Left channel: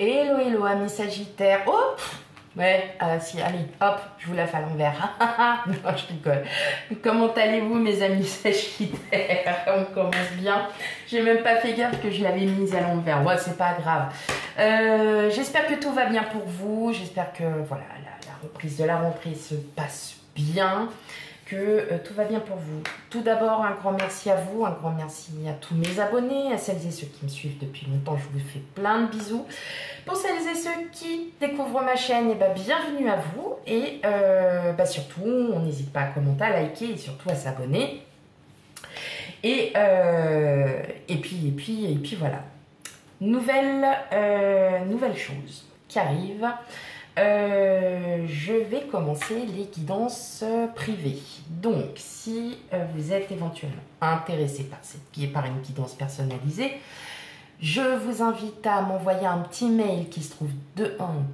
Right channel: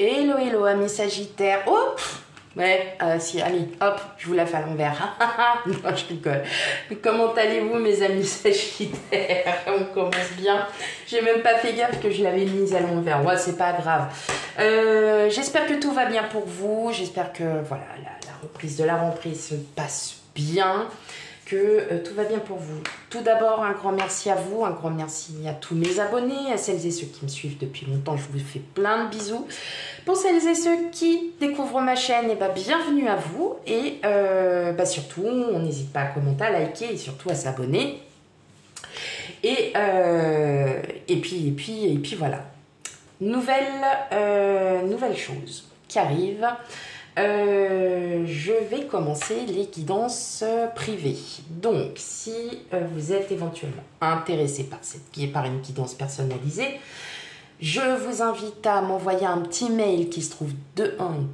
Hello, hello, amis Sagittaires. Oh, ouais, si, allez, hop, je vous la fais à l'envers. Non, je rigole. Comment allez-vous, mes amis Sagittaires? On commence bien. J'ai même pas fait gaffe que je l'avais mise à l'envers. Ouais, c'est pas grave. J'espère que tout va bien pour vous. J'espère que, voilà, la reprise de la rentrée se passe bien. Que tout va bien pour vous. Tout d'abord, un grand merci à vous, un grand merci à tous mes abonnés, à celles et ceux qui me suivent depuis longtemps, je vous fais plein de bisous. Pour celles et ceux qui découvrent ma chaîne, eh ben, bienvenue à vous. Et surtout, on n'hésite pas à commenter, à liker et surtout à s'abonner. Et puis voilà. Nouvelle chose qui arrive. Je vais commencer les guidances privées. Donc, si vous êtes éventuellement intéressé par une guidance personnalisée, je vous invite à m'envoyer un petit mail qui se trouve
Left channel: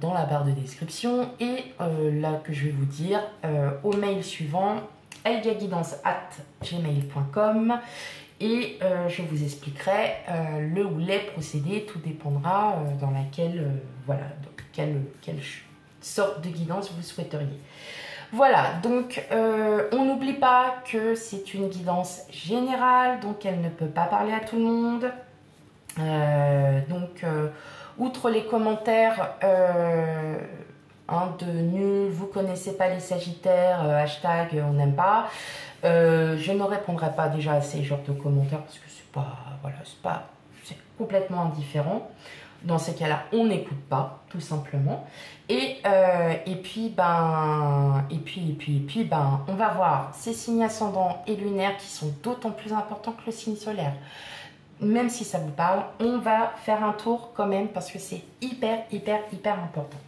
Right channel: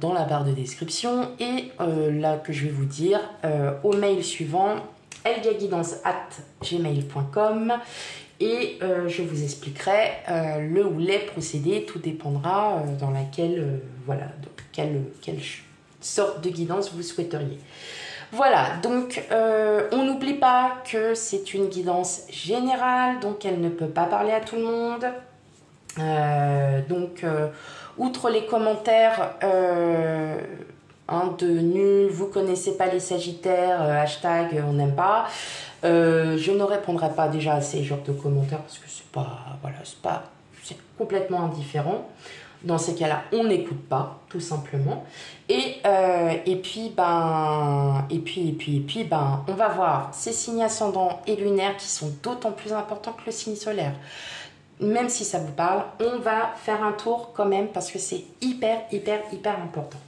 dans la barre de description et là que je vais vous dire au mail suivant elgaguidance@gmail.com et je vous expliquerai le ou les procédés. Tout dépendra dans quelle sorte de guidance vous souhaiteriez. Voilà, donc on n'oublie pas que c'est une guidance générale, donc elle ne peut pas parler à tout le monde. Outre les commentaires de nul, vous connaissez pas les Sagittaires, hashtag on n'aime pas, je ne répondrai pas déjà à ces genres de commentaires parce que c'est complètement indifférent. Dans ces cas-là, on n'écoute pas, tout simplement. Et puis, on va voir ces signes ascendants et lunaires qui sont d'autant plus importants que le signe solaire. Même si ça vous parle, on va faire un tour quand même parce que c'est hyper important.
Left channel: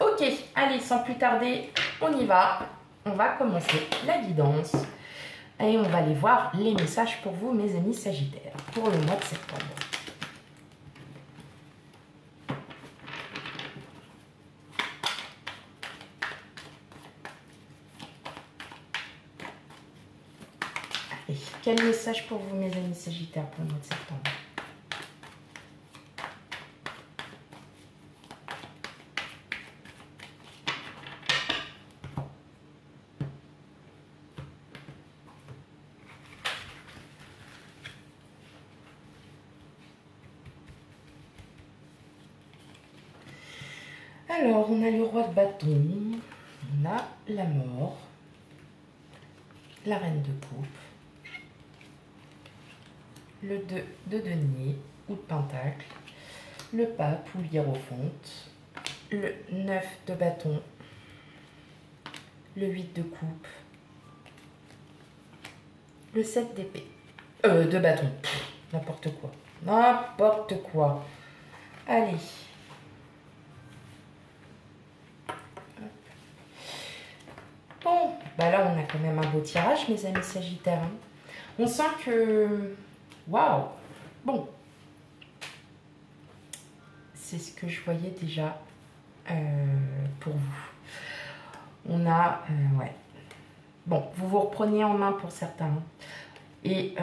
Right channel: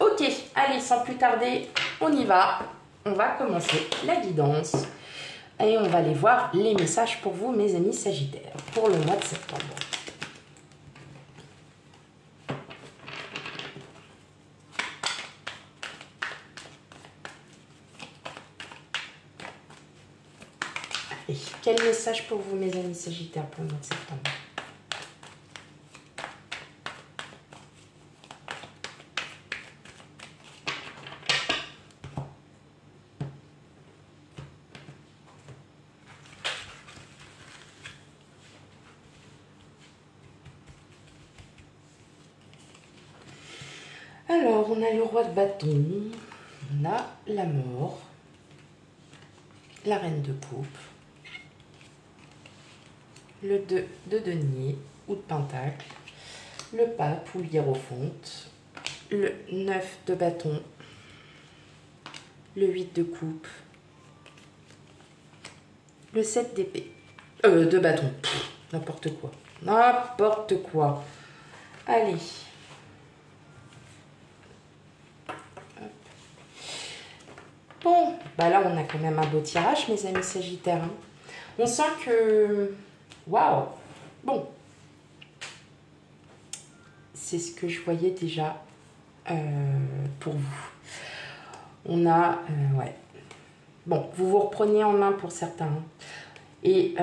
Ok, allez, sans plus tarder, on y va. On va commencer la guidance. Et on va aller voir les messages pour vous, mes amis Sagittaires, pour le mois de septembre. Quel message pour vous, mes amis Sagittaires, pour le mois de septembre? Alors, on a le roi de bâton, on a la mort, la reine de coupe, le 2 de denier ou de pentacle, le pape ou l'hiérophante, le 9 de bâton, le 8 de coupe, le 7 d'épée, de bâton, n'importe quoi, allez. Bon, bah là on a quand même un beau tirage, mes amis Sagittaires. On sent que... Waouh! Bon. C'est ce que je voyais déjà pour vous. On a... ouais. Bon, vous vous reprenez en main pour certains. Et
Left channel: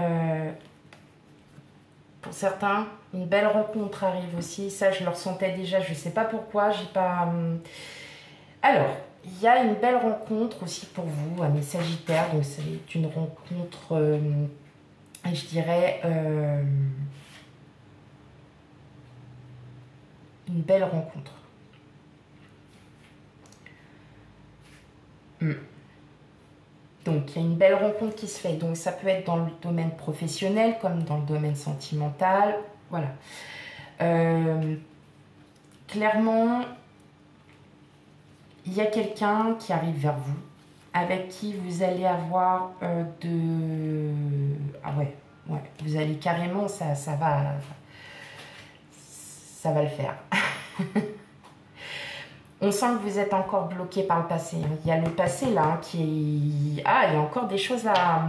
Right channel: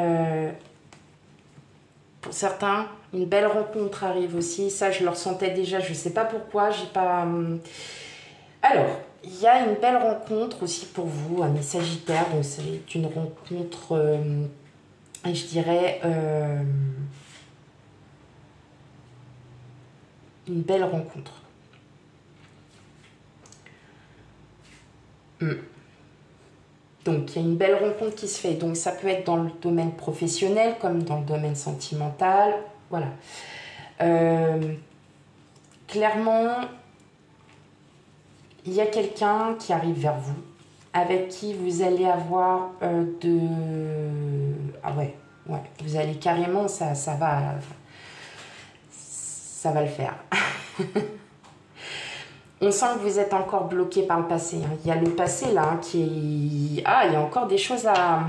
pour certains, une belle rencontre arrive aussi. Ça, je le ressentais déjà. Je ne sais pas pourquoi. J'ai pas... Alors... Il y a une belle rencontre aussi pour vous, mes Sagittaires. Donc, c'est une rencontre, je dirais, une belle rencontre. Donc, il y a une belle rencontre qui se fait. Donc, ça peut être dans le domaine professionnel comme dans le domaine sentimental. Voilà. Clairement... Il y a quelqu'un qui arrive vers vous, avec qui vous allez avoir Ah ouais, vous allez carrément, ça va le faire. On sent que vous êtes encore bloqué par le passé. Hein. Il y a le passé là qui est... Ah, il y a encore des choses à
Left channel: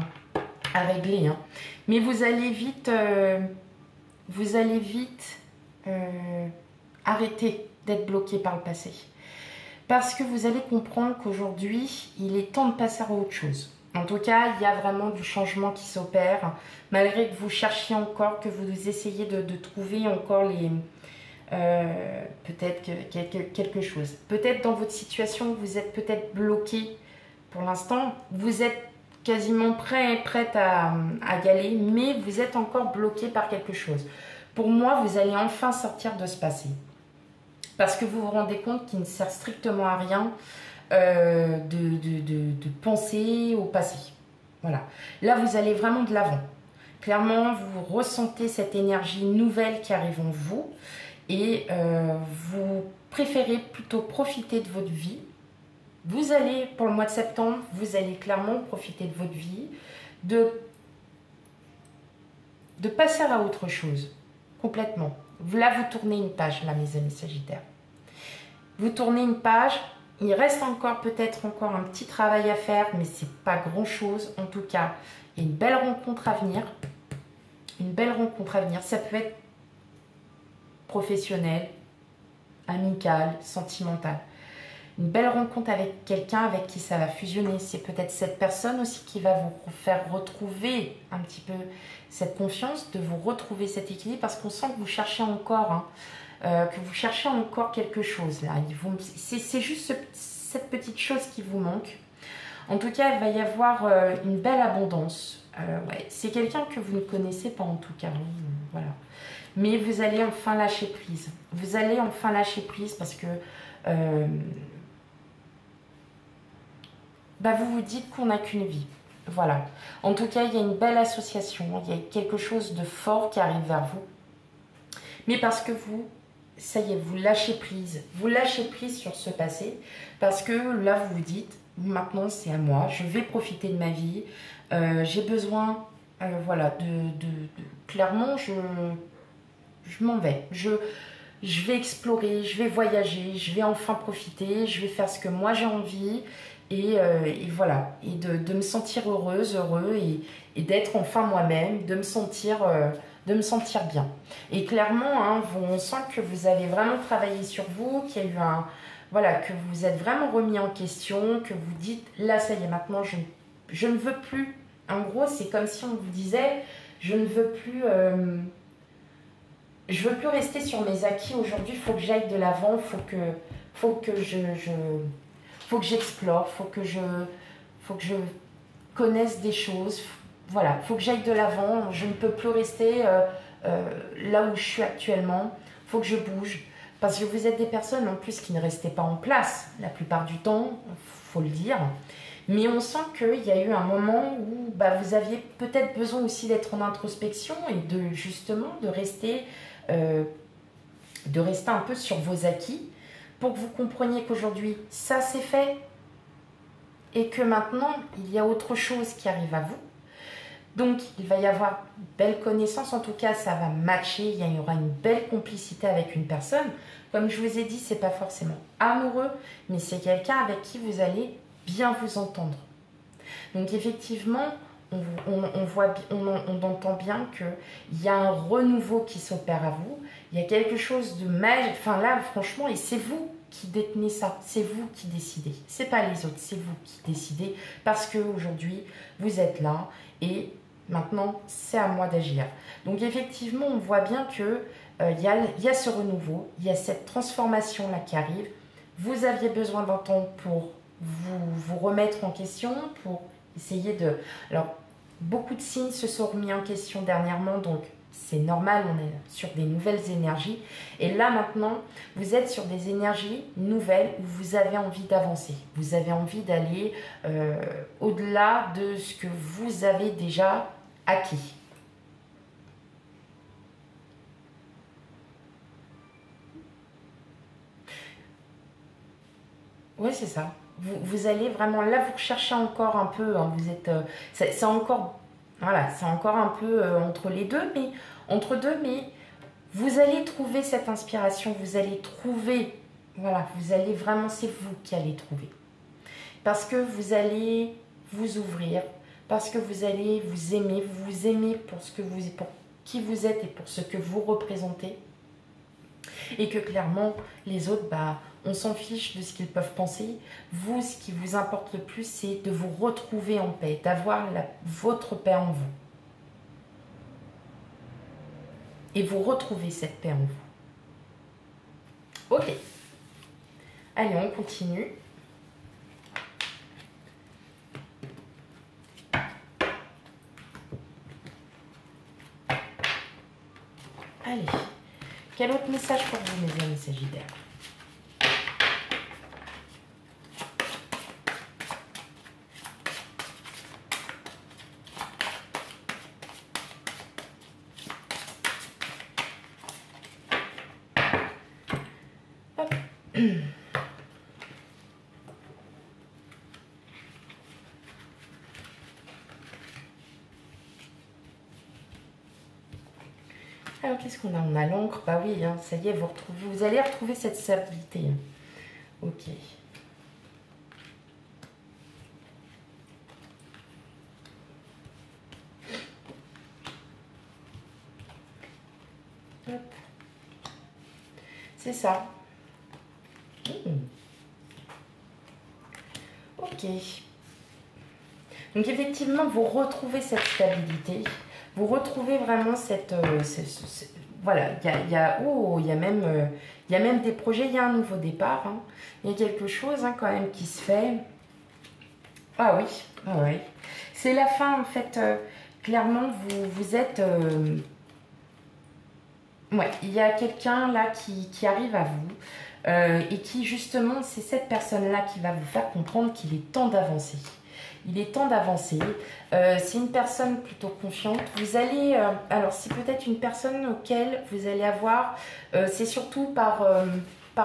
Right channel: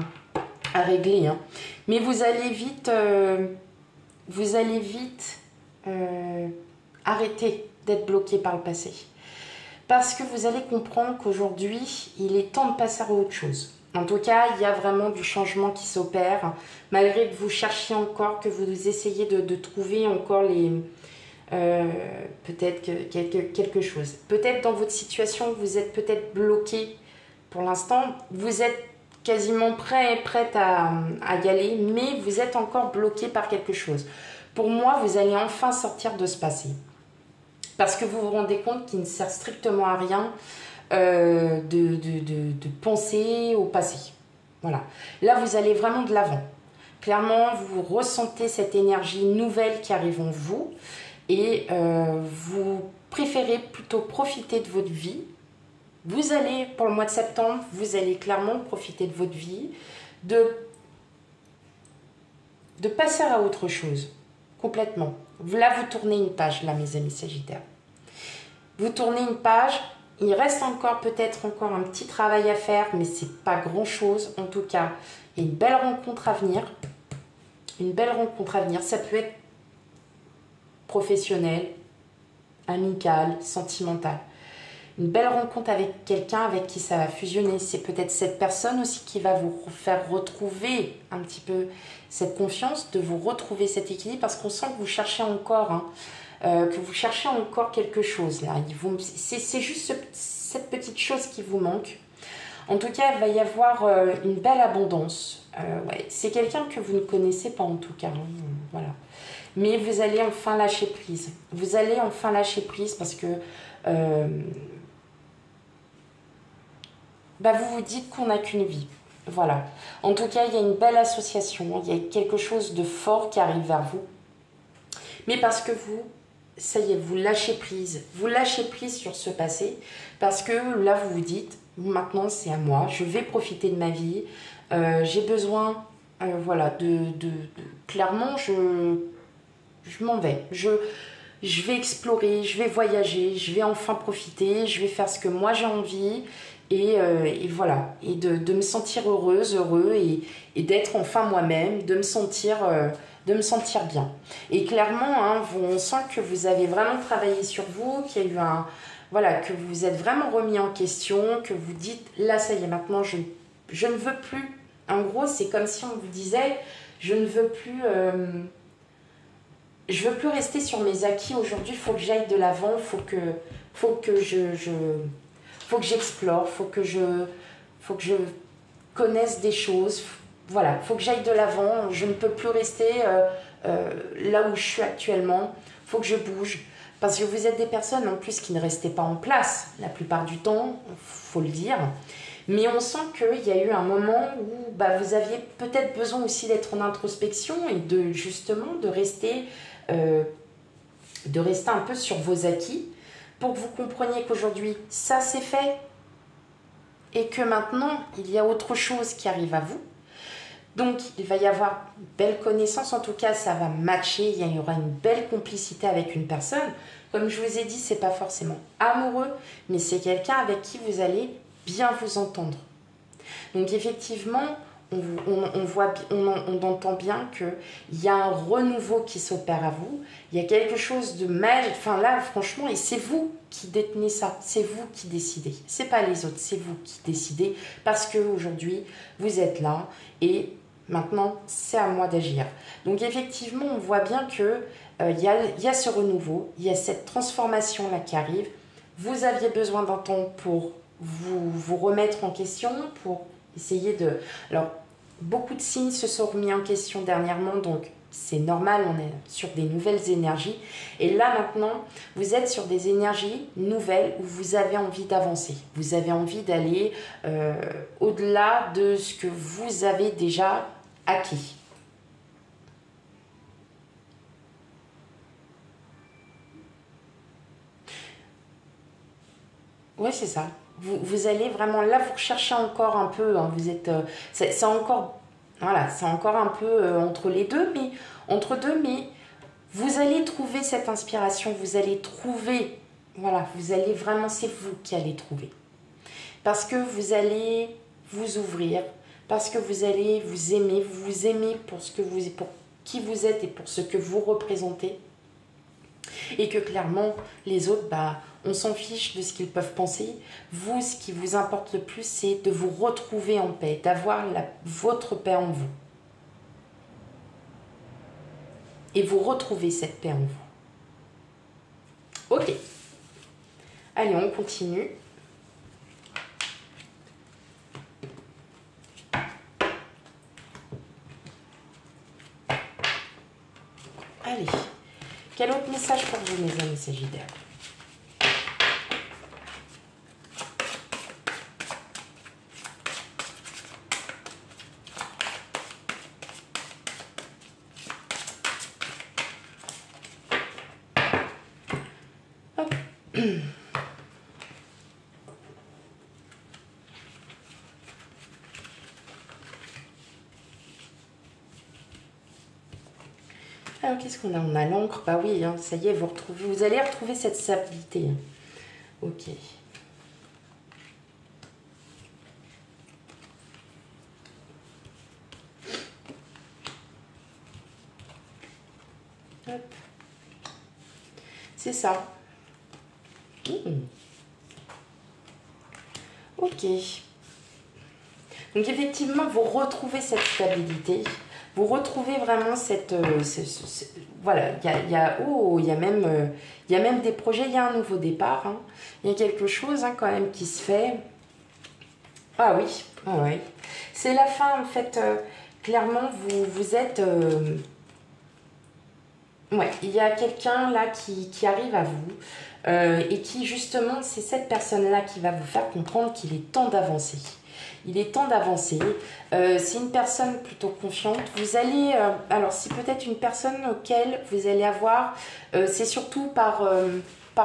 régler. Hein. Mais vous allez vite... arrêter d'être bloqué par le passé. Parce que vous allez comprendre qu'aujourd'hui, il est temps de passer à autre chose. En tout cas, il y a vraiment du changement qui s'opère. Malgré que vous cherchiez encore, que vous essayez de trouver encore peut-être quelque chose. Peut-être dans votre situation, vous êtes peut-être bloqué pour l'instant. Vous êtes quasiment prête à y aller, mais vous êtes encore bloqué par quelque chose. Pour moi, vous allez enfin sortir de ce passé. Parce que vous vous rendez compte qu'il ne sert strictement à rien de penser au passé. Voilà. Là, vous allez vraiment de l'avant. Clairement, vous ressentez cette énergie nouvelle qui arrive en vous et vous préférez plutôt profiter de votre vie. Vous allez, pour le mois de septembre, vous allez clairement profiter de votre vie, de passer à autre chose, complètement. Là, vous tournez une page, là, mes amis Sagittaires. Vous tournez une page, il reste peut-être encore un petit travail à faire, mais c'est pas grand-chose. En tout cas, il y a une belle rencontre à venir. Une belle rencontre à venir. Ça peut être professionnel, amical, sentimental. Une belle rencontre avec quelqu'un avec qui ça va fusionner. C'est peut-être cette personne aussi qui va vous faire retrouver un petit peu cette confiance, de vous retrouver cet équilibre, parce qu'on sent que vous cherchez encore, que vous cherchez encore quelque chose. Là. C'est juste cette petite chose qui vous manque. En tout cas, il va y avoir une belle abondance. Ouais. C'est quelqu'un que vous ne connaissez pas en tout cas. Voilà. Mais vous allez enfin lâcher prise. Vous allez enfin lâcher prise parce que vous vous dites qu'on n'a qu'une vie. Voilà. En tout cas, il y a une belle association. Il y a quelque chose de fort qui arrive vers vous. Mais parce que vous, ça y est, vous lâchez prise. Vous lâchez prise sur ce passé. Parce que là, vous vous dites, maintenant, c'est à moi. Je vais profiter de ma vie. J'ai besoin, voilà, clairement, je m'en vais. Je vais explorer, je vais voyager, je vais enfin profiter, je vais faire ce que moi j'ai envie. Et voilà, et de me sentir heureuse, heureux, et d'être enfin moi-même, de me sentir bien. Et clairement, hein, on sent que vous avez vraiment travaillé sur vous, qu'il y a eu voilà, que vous êtes vraiment remis en question, que vous dites, là ça y est, maintenant je ne veux plus. En gros, c'est comme si on vous disait, je ne veux plus... je veux plus rester sur mes acquis. Aujourd'hui, il faut que j'aille de l'avant, faut que j'explore, faut que je connaisse des choses. Voilà, faut que j'aille de l'avant. Je ne peux plus rester là où je suis actuellement. Faut que je bouge. Parce que vous êtes des personnes en plus qui ne restaient pas en place la plupart du temps, faut le dire. Mais on sent qu'il y a eu un moment où vous aviez peut-être besoin aussi d'être en introspection et de rester un peu sur vos acquis, pour que vous compreniez qu'aujourd'hui, ça c'est fait et que maintenant, il y a autre chose qui arrive à vous. Donc, il va y avoir une belle connaissance, en tout cas, ça va matcher, il y aura une belle complicité avec une personne. Comme je vous ai dit, c'est pas forcément amoureux, mais c'est quelqu'un avec qui vous allez bien vous entendre. Donc, effectivement, on entend bien qu'il y a un renouveau qui s'opère à vous. Il y a quelque chose de magique. Enfin là, franchement, et c'est vous qui détenez ça. C'est vous qui décidez. C'est pas les autres, c'est vous qui décidez. Parce qu'aujourd'hui, vous êtes là et maintenant, c'est à moi d'agir. Donc effectivement, on voit bien que il y a ce renouveau, il y a cette transformation-là qui arrive. Vous aviez besoin d'un temps pour vous remettre en question, pour essayer de... Alors, beaucoup de signes se sont remis en question dernièrement, donc c'est normal, on est sur des nouvelles énergies. Et là, maintenant, vous êtes sur des énergies nouvelles où vous avez envie d'avancer. Vous avez envie d'aller au-delà de ce que vous avez déjà acquis. Oui, c'est ça. Vous allez vraiment, là vous cherchez encore un peu, hein, vous êtes, c'est encore, voilà, c'est encore un peu entre deux, mais vous allez trouver cette inspiration, vous allez trouver, voilà, vous allez vraiment, c'est vous qui allez trouver. Parce que vous allez vous ouvrir, parce que vous allez vous aimer pour pour qui vous êtes et pour ce que vous représentez. Et que clairement, les autres, on s'en fiche de ce qu'ils peuvent penser. Vous, ce qui vous importe le plus, c'est de vous retrouver en paix, d'avoir votre paix en vous. Et vous retrouvez cette paix en vous. Ok. Allez, on continue. Allez. Quel autre message pour vous, mes amis Sagittaires? Alors, qu'est-ce qu'on a? On a l'encre. Bah oui, hein, ça y est, vous allez retrouver cette stabilité. Ok. C'est ça. Ok. Donc effectivement, vous retrouvez cette stabilité. Vous retrouvez vraiment cette... voilà, il y a même des projets, il y a un nouveau départ. Hein. Il y a quelque chose hein, quand même qui se fait. Ah oui, ah ouais. C'est la fin en fait. Clairement, vous êtes... ouais, il y a quelqu'un là qui arrive à vous et qui justement, c'est cette personne-là qui va vous faire comprendre qu'il est temps d'avancer. Il est temps d'avancer. C'est une personne plutôt confiante. Vous allez... alors, c'est peut-être une personne auquel vous allez avoir... c'est surtout par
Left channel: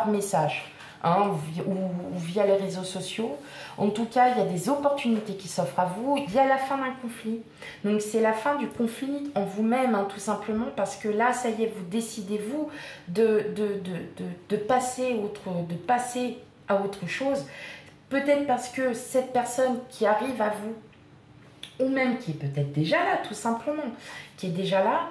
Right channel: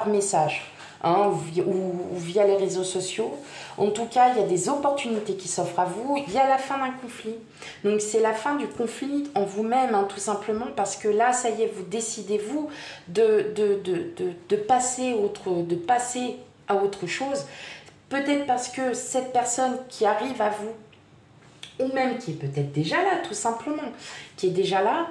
message hein, ou via les réseaux sociaux. En tout cas, il y a des opportunités qui s'offrent à vous. Il y a la fin d'un conflit. Donc, c'est la fin du conflit en vous-même, hein, tout simplement, parce que là, ça y est, vous décidez, vous, de passer à autre chose. Peut-être parce que cette personne qui arrive à vous, ou même qui est peut-être déjà là, tout simplement, qui est déjà là,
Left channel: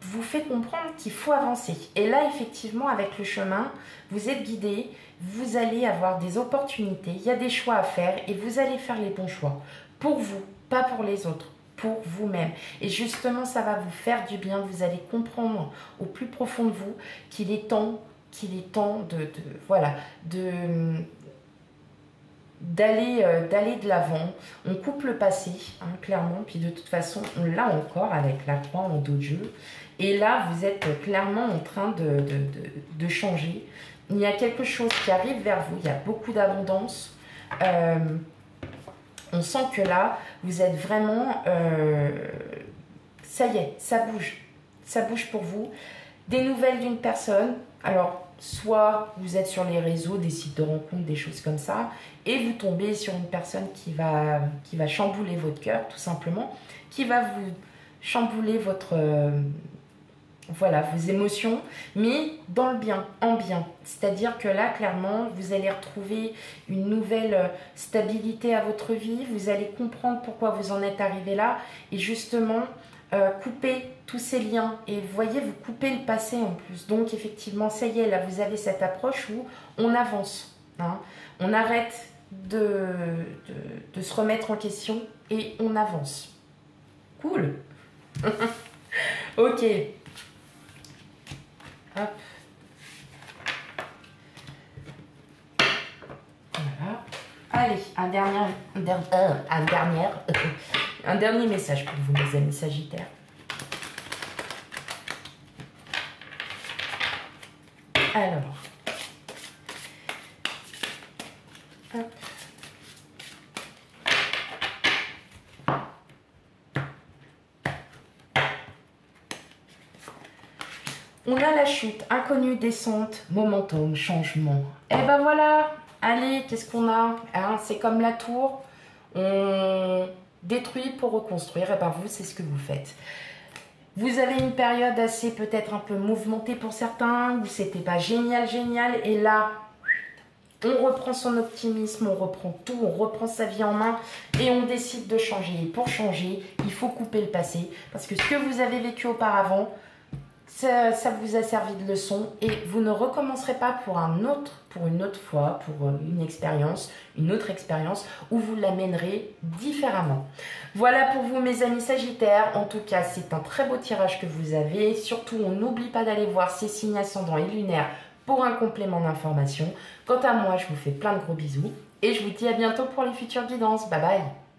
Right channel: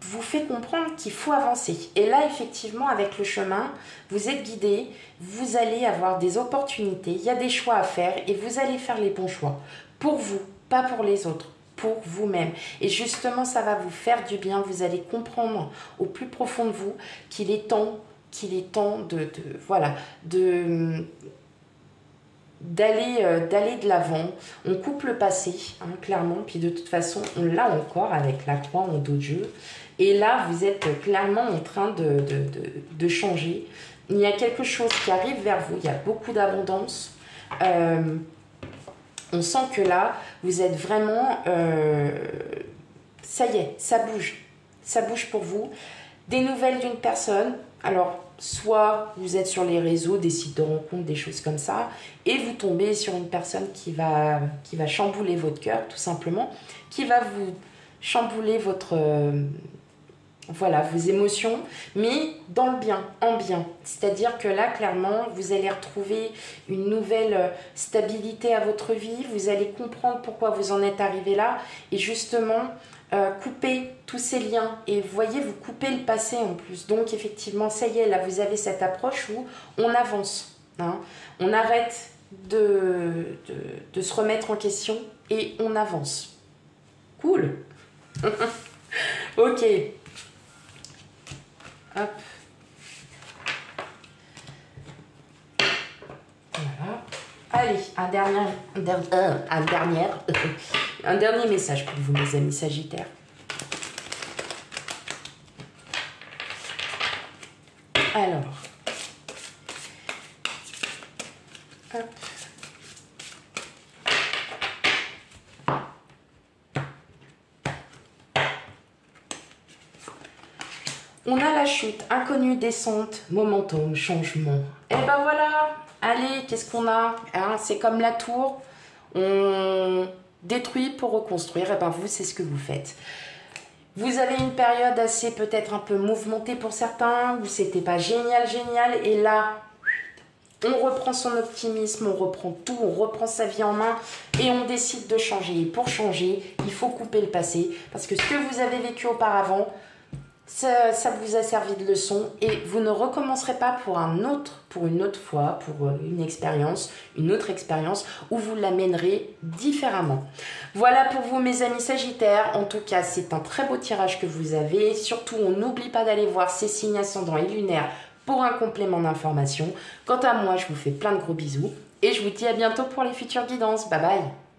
vous fait comprendre qu'il faut avancer. Et là, effectivement, avec le chemin, vous êtes guidé, vous allez avoir des opportunités, il y a des choix à faire et vous allez faire les bons choix. Pour vous, pas pour les autres, pour vous-même. Et justement, ça va vous faire du bien, vous allez comprendre au plus profond de vous qu'il est temps d'aller de l'avant. On coupe le passé, hein, clairement, puis de toute façon, on l'a encore avec la 3 en dos de jeu. Et là, vous êtes clairement en train de changer. Il y a quelque chose qui arrive vers vous, il y a beaucoup d'abondance. On sent que là, vous êtes vraiment... ça y est, ça bouge pour vous. Des nouvelles d'une personne, alors... soit vous êtes sur les réseaux, des sites de rencontres, des choses comme ça, et vous tombez sur une personne qui va chambouler votre cœur, tout simplement, qui va vous chambouler vos émotions, mais dans le bien, en bien. C'est-à-dire que là, clairement, vous allez retrouver une nouvelle stabilité à votre vie, vous allez comprendre pourquoi vous en êtes arrivé là, et justement... couper tous ces liens et vous voyez, vous coupez le passé en plus. Donc effectivement, ça y est, là vous avez cette approche où on avance, hein. On arrête de se remettre en question et on avance. Cool. Ok. Hop. Voilà. Allez, un dernier message pour vous, mes amis Sagittaires. Alors, hop. On a la chute, inconnue, descente, momentum, changement. Et ben voilà, allez, qu'est-ce qu'on a hein, c'est comme la tour, on détruit pour reconstruire. Et ben vous, c'est ce que vous faites. Vous avez une période assez peut-être un peu mouvementée pour certains, où c'était pas génial, et là, on reprend son optimisme, on reprend tout, on reprend sa vie en main et on décide de changer. Et pour changer, il faut couper le passé, parce que ce que vous avez vécu auparavant, ça vous a servi de leçon et vous ne recommencerez pas pour une autre fois, pour une autre expérience où vous l'amènerez différemment. Voilà pour vous mes amis Sagittaires. En tout cas, c'est un très beau tirage que vous avez. Surtout, on n'oublie pas d'aller voir ces signes ascendants et lunaires pour un complément d'information. Quant à moi, je vous fais plein de gros bisous et je vous dis à bientôt pour les futures guidances. Bye bye.